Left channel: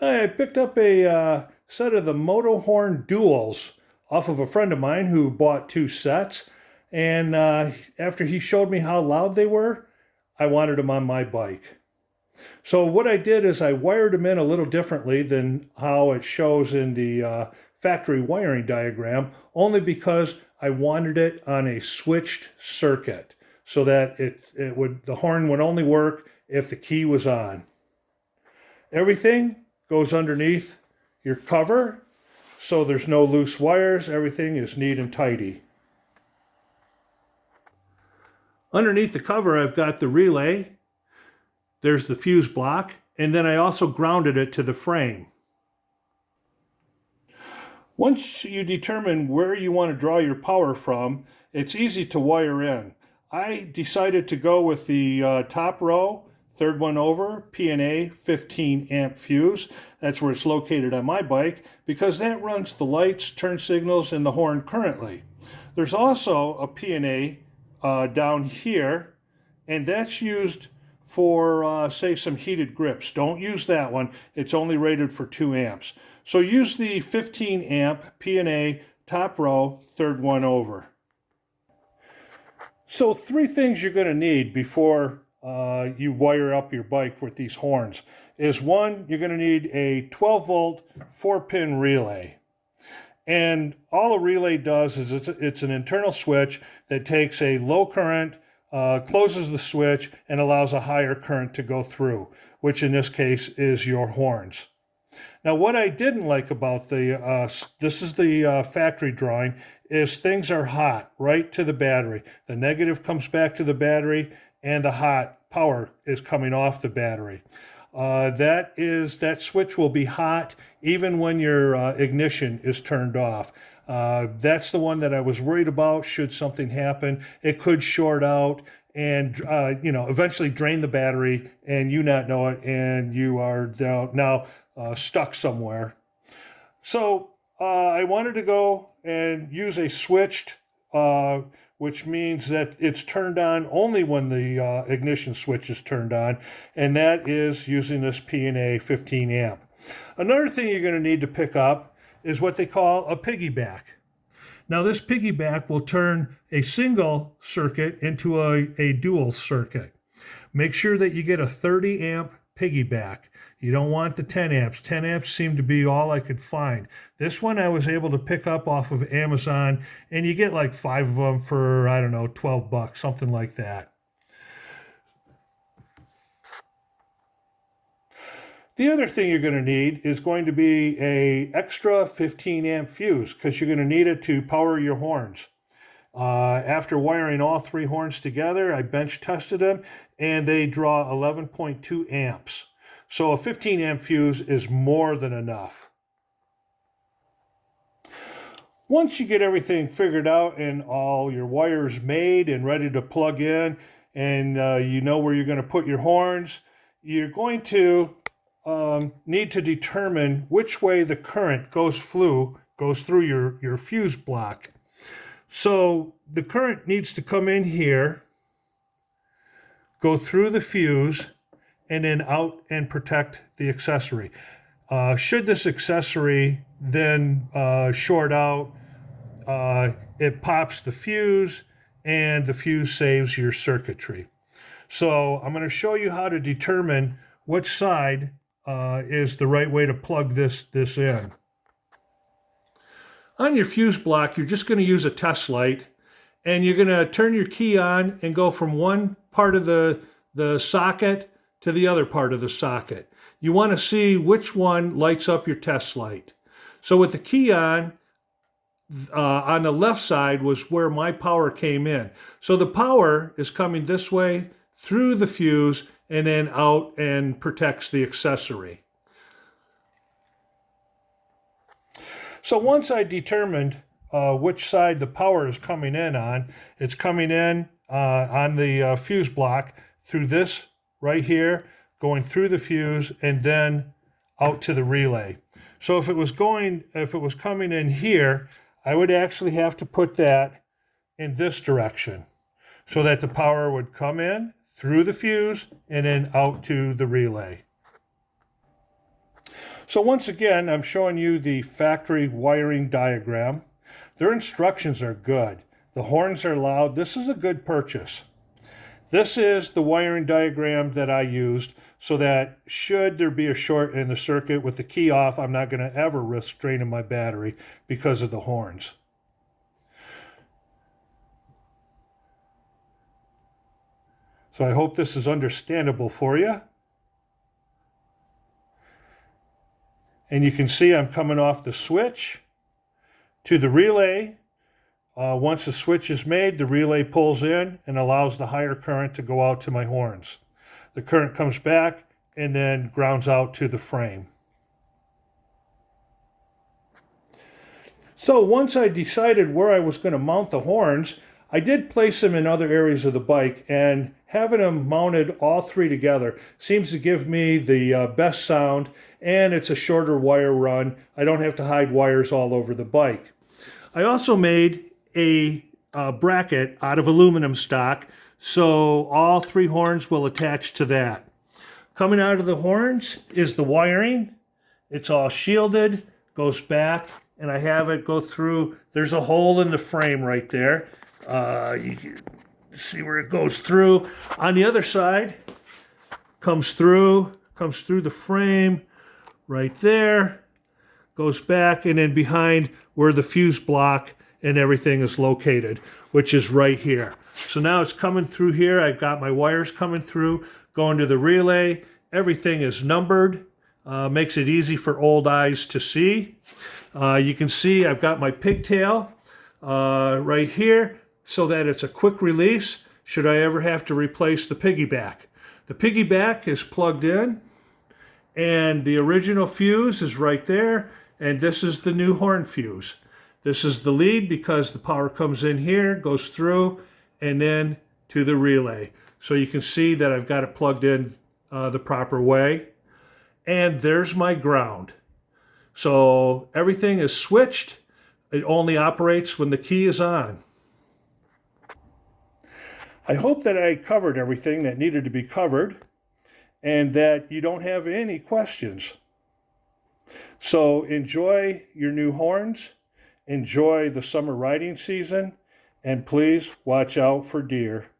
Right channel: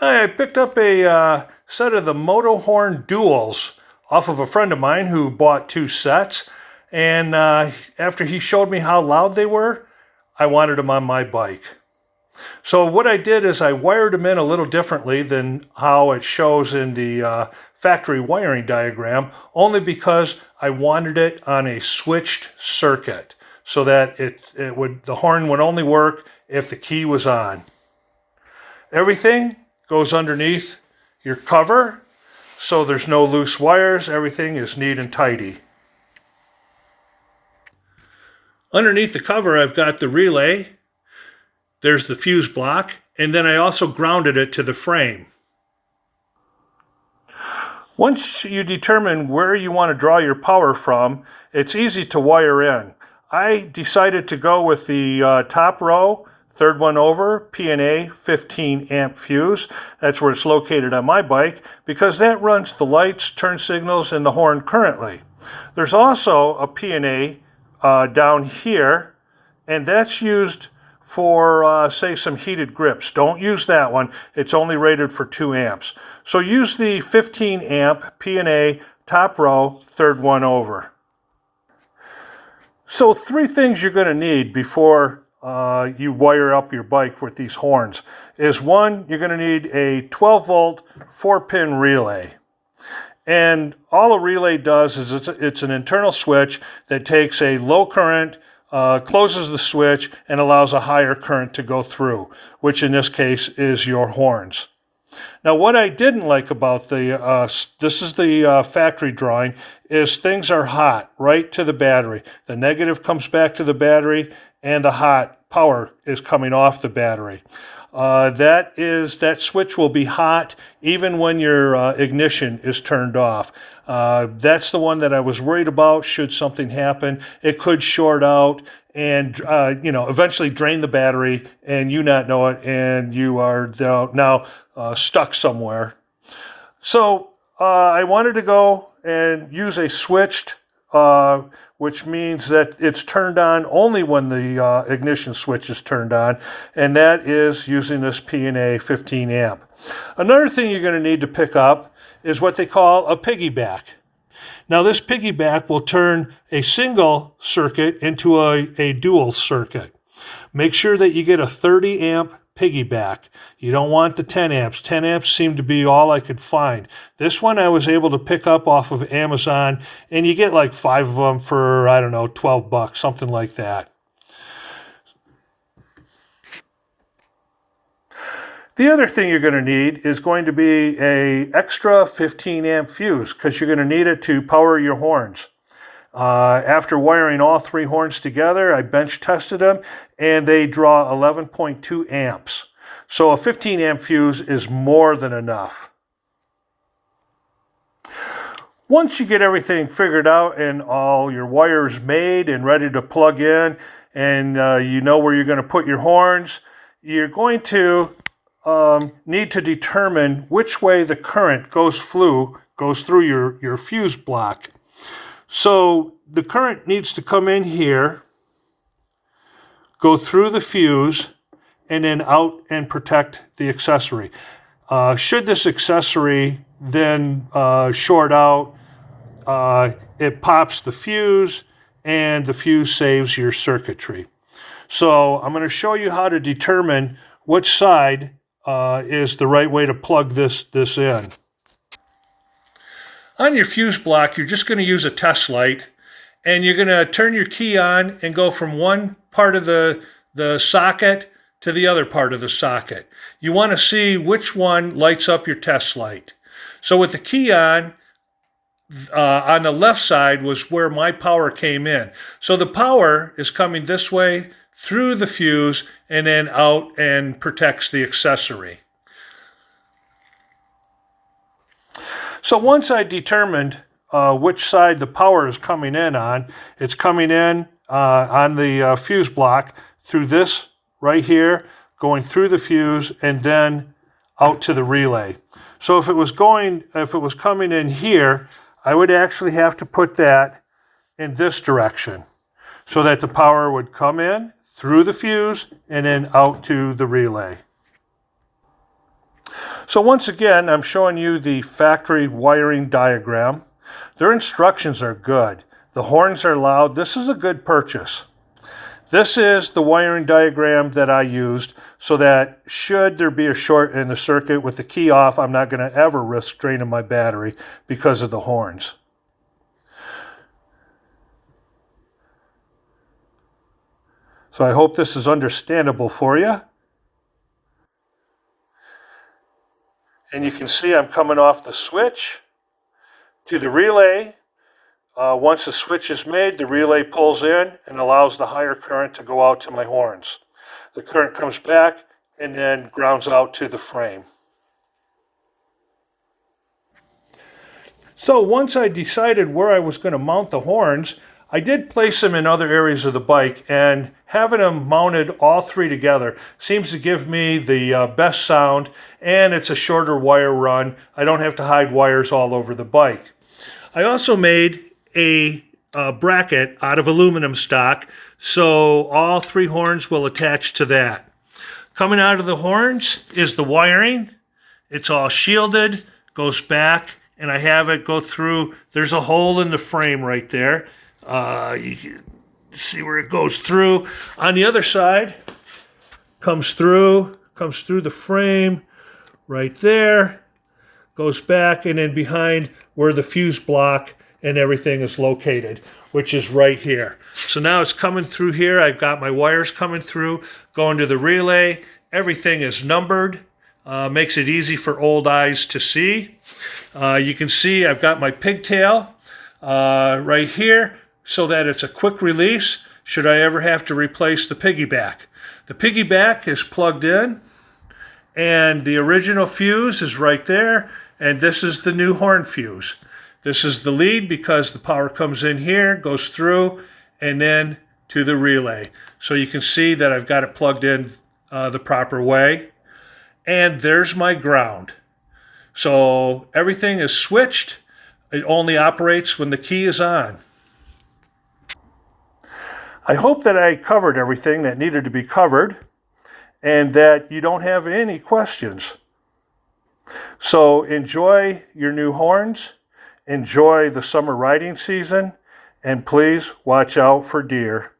I picked up a set of the MotoHorn Duals off of a friend of mine who bought two sets. And after he showed me how loud they were, I wanted them on my bike. So what I did is I wired them in a little differently than how it shows in the factory wiring diagram, only because I wanted it on a switched circuit so that the horn would only work if the key was on. Everything goes underneath your cover, so there's no loose wires. Everything is neat and tidy. Underneath the cover, I've got the relay. There's the fuse block, and then I also grounded it to the frame. Once you determine where you want to draw your power from, it's easy to wire in. I decided to go with the top row, third one over, P&A 15 amp fuse. That's where it's located on my bike because that runs the lights, turn signals, and the horn currently. There's also a P&A down here, and that's used for, say, some heated grips. Don't use that one. It's only rated for 2 amps. So use the 15 amp P&A top row, third one over. So 3 things you're going to need before you wire up your bike with these horns is 1, you're going to need a 12 volt 4-pin relay. And all a relay does is it's an internal switch that takes a low current, closes the switch, and allows a higher current to go through, which in this case is your horns. Now, what I didn't like about this is the factory drawing, is things are hot right to the battery. The negative comes back to the battery, and the hot power is coming off the battery. That switch will be hot even when your ignition is turned off. That's the one that I was worried about. Should something happen, it could short out and eventually drain the battery, and you not know it, and you are now stuck somewhere. So I wanted to go and use a switched, which means that it's turned on only when the ignition switch is turned on, and that is using this P&A 15 amp. Another thing you're going to need to pick up is what they call a piggyback. Now this piggyback will turn a single circuit into a dual circuit. Make sure that you get a 30 amp piggyback. You don't want the 10 amps. 10 amps seemed to be all I could find. This one I was able to pick up off of Amazon, and you get like 5 of them for, I don't know, $12, something like that. The other thing you're going to need is going to be an extra 15 amp fuse because you're going to need it to power your horns. After wiring all 3 horns together, I bench tested them, and they draw 11.2 amps. So a 15 amp fuse is more than enough. Once you get everything figured out and all your wires made and ready to plug in, and you know where you're going to put your horns, you're going to need to determine which way the current goes through your fuse block. So the current needs to come in here, go through the fuse, and then out and protect the accessory. Should this accessory then short out, it pops the fuse, and the fuse saves your circuitry. So I'm going to show you how to determine which side is the right way to plug this in. On your fuse block, you're just going to use a test light, and you're going to turn your key on and go from one part of the socket to the other part of the socket. You want to see which one lights up your test light. So with the key on the left side was where my power came in. So the power is coming this way through the fuse and then out and protects the accessory. So once I determined which side the power is coming in on, it's coming in on the fuse block through this right here, going through the fuse, and then out to the relay. So if it was coming in here, I would actually have to put that in this direction so that the power would come in through the fuse and then out to the relay. So once again, I'm showing you the factory wiring diagram. Their instructions are good. The horns are loud. This is a good purchase. This is the wiring diagram that I used so that should there be a short in the circuit with the key off, I'm not going to ever risk draining my battery because of the horns. So I hope this is understandable for you. And you can see I'm coming off the switch to the relay. Once the switch is made, the relay pulls in and allows the higher current to go out to my horns. The current comes back and then grounds out to the frame. So once I decided where I was going to mount the horns, I did place them in other areas of the bike, and having them mounted all three together seems to give me the best sound, and it's a shorter wire run. I don't have to hide wires all over the bike. I also made a bracket out of aluminum stock, so all three horns will attach to that. Coming out of the horns is the wiring. It's all shielded, goes back, and I have it go through. There's a hole in the frame right there. You can see where it goes through. On the other side, comes through the frame right there, goes back, and then behind where the fuse block and everything is located, which is right here. So now it's coming through here. I've got my wires coming through, going to the relay. Everything is numbered. Makes it easy for old eyes to see. You can see I've got my pigtail right here so that it's a quick release should I ever have to replace the piggyback. The piggyback is plugged in, and the original fuse is right there, and this is the new horn fuse. This is the lead because the power comes in here, goes through, and then to the relay. So you can see that I've got it plugged in the proper way. And there's my ground. So everything is switched. It only operates when the key is on. I hope that I covered everything that needed to be covered and that you don't have any questions. So enjoy your new horns. Enjoy the summer riding season, and please watch out for deer.